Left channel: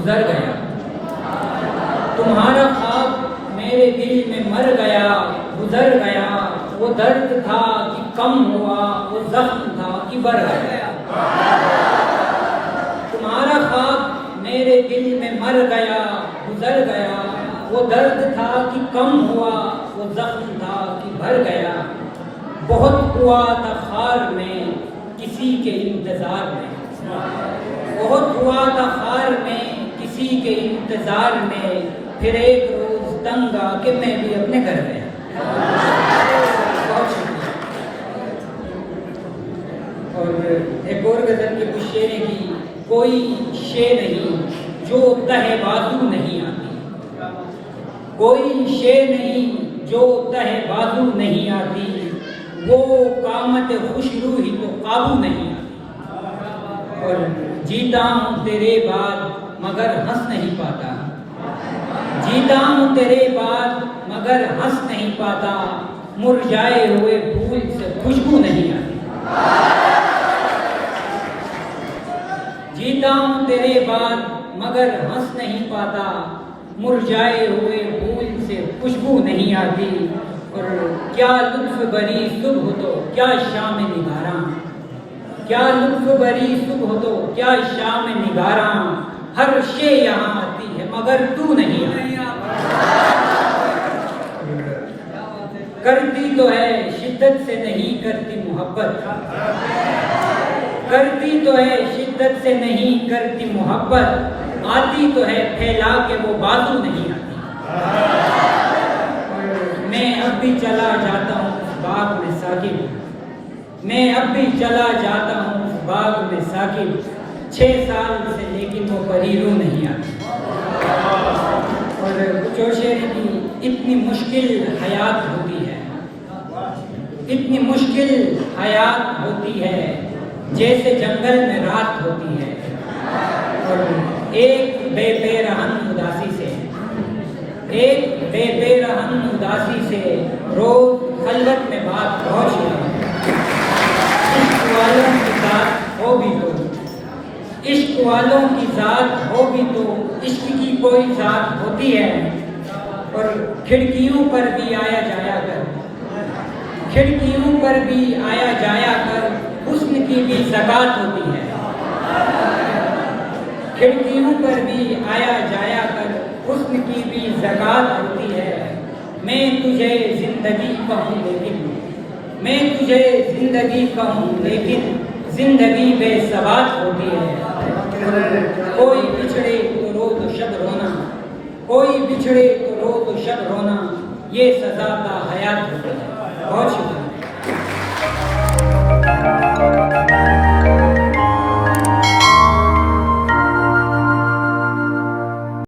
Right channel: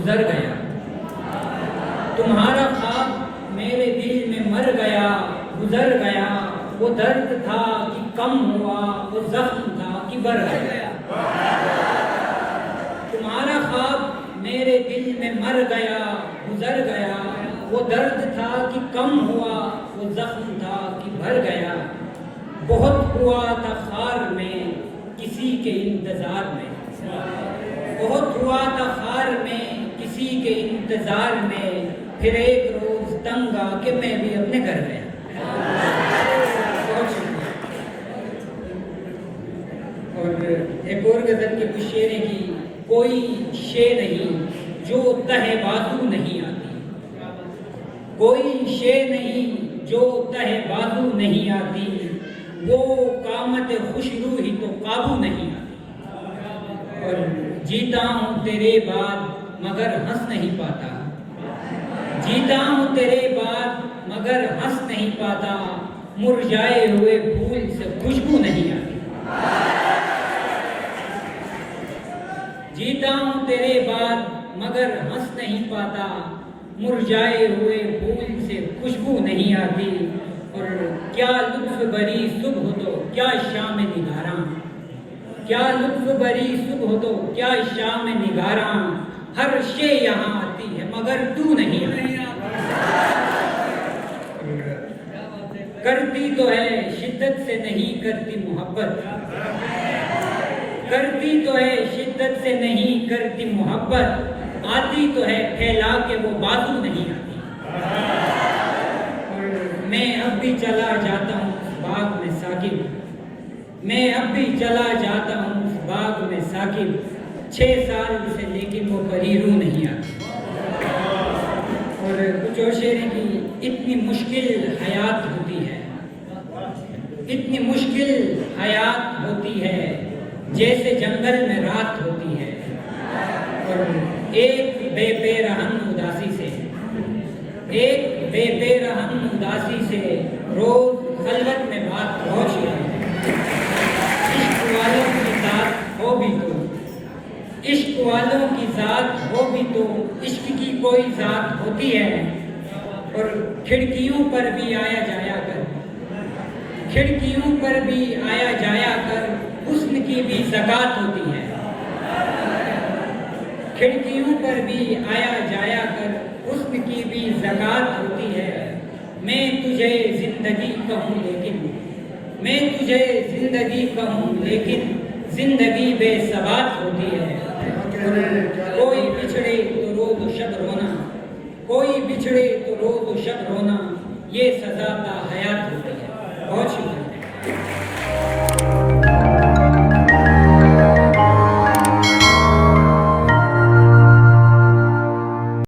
गुजर गया। तुम्हारा ख्वाब मेरे दिल में मर गया, गुजर गया। वो दर्द था कि कम हुआ, वो जख्म था कि बढ़ गया। तुम्हारा ख्वाब मेरे दिल में मर गया, गुजर गया। वो दर्द था कि कम हुआ, वो जख्म था कि बढ़ गया। बहुत हुआ था खार में किसी के इंतजार में, बहुत हुआ था खार में किसी के इंतजार में। फिर एक रोज तंग आके मैं भी अपने घर गया। और एक और गजल के कुछ शेरे की, कोई शे नहीं जो तहे बाजू नहीं आती, कोई शे नहीं जो तहे बाजू नहीं आती। वो कामत खुशरू ही तो काबू नहीं आती। और जीता हूँ तेरे बाद मगर हंस नहीं पाता, जीता हूँ तेरे बाद मगर हंस नहीं पाता। मुरझाए हुए फूल से खुशबू नहीं आती। जीता हूँ तेरे बाद मगर हंस नहीं पाता, मुरझाए हुए फूल से खुशबू नहीं आती। और क्या लुत्फ बरी सुबह तो क्या शाम निगारा, क्या लुत्फ बरी सुबह तो क्या शाम निगारा। हर शे यहाँ आती है मगर तू नहीं आती। करती तो है शिद्दत से नहीं करती मोहब्बत, करती तो है शिद्दत से नहीं करती मोहब्बत। आती तो है फैला के वो बाजू नहीं आती। मैं अब भी चला जाता हूँ बाग में साकिब, मैं अब भी चला जाता हूँ बाग में साकिब। 6 साल से लेकिन वो परीरू नहीं आती। और कुछ और शेर की, इतनी मुश्किल हयात होती है, इतनी मुश्किल हयात होती है जैसे जंगल में रात होती है। और एक बेरहम उदासी से, एक बेरहम उदासी से रोज खलवत में बात रोशिया। इश्क वालों की साथ हो भी तो, इश्क वालों की साथ हो भी तो इश्क की कोई जात होती है। और खिड़कियों पर भी आया जाया कर, खिड़कियों पर भी आया जाया कर, हुस्न की भी ज़कात होती है। खिड़कियों पर भी आया जाया कर, हुस्न की भी ज़कात होती है। मैं तुझे जिंदगी कहूँ लेकिन, मैं तुझे जिंदगी कहूँ लेकिन जिंदगी बेसबात होती है। कोई बिछड़े तो रोज़ शब रोना, कोई बिछड़े तो रोज़ शब रोना, ये सज़ा का हयात होती है। बहुत शुक्रिया।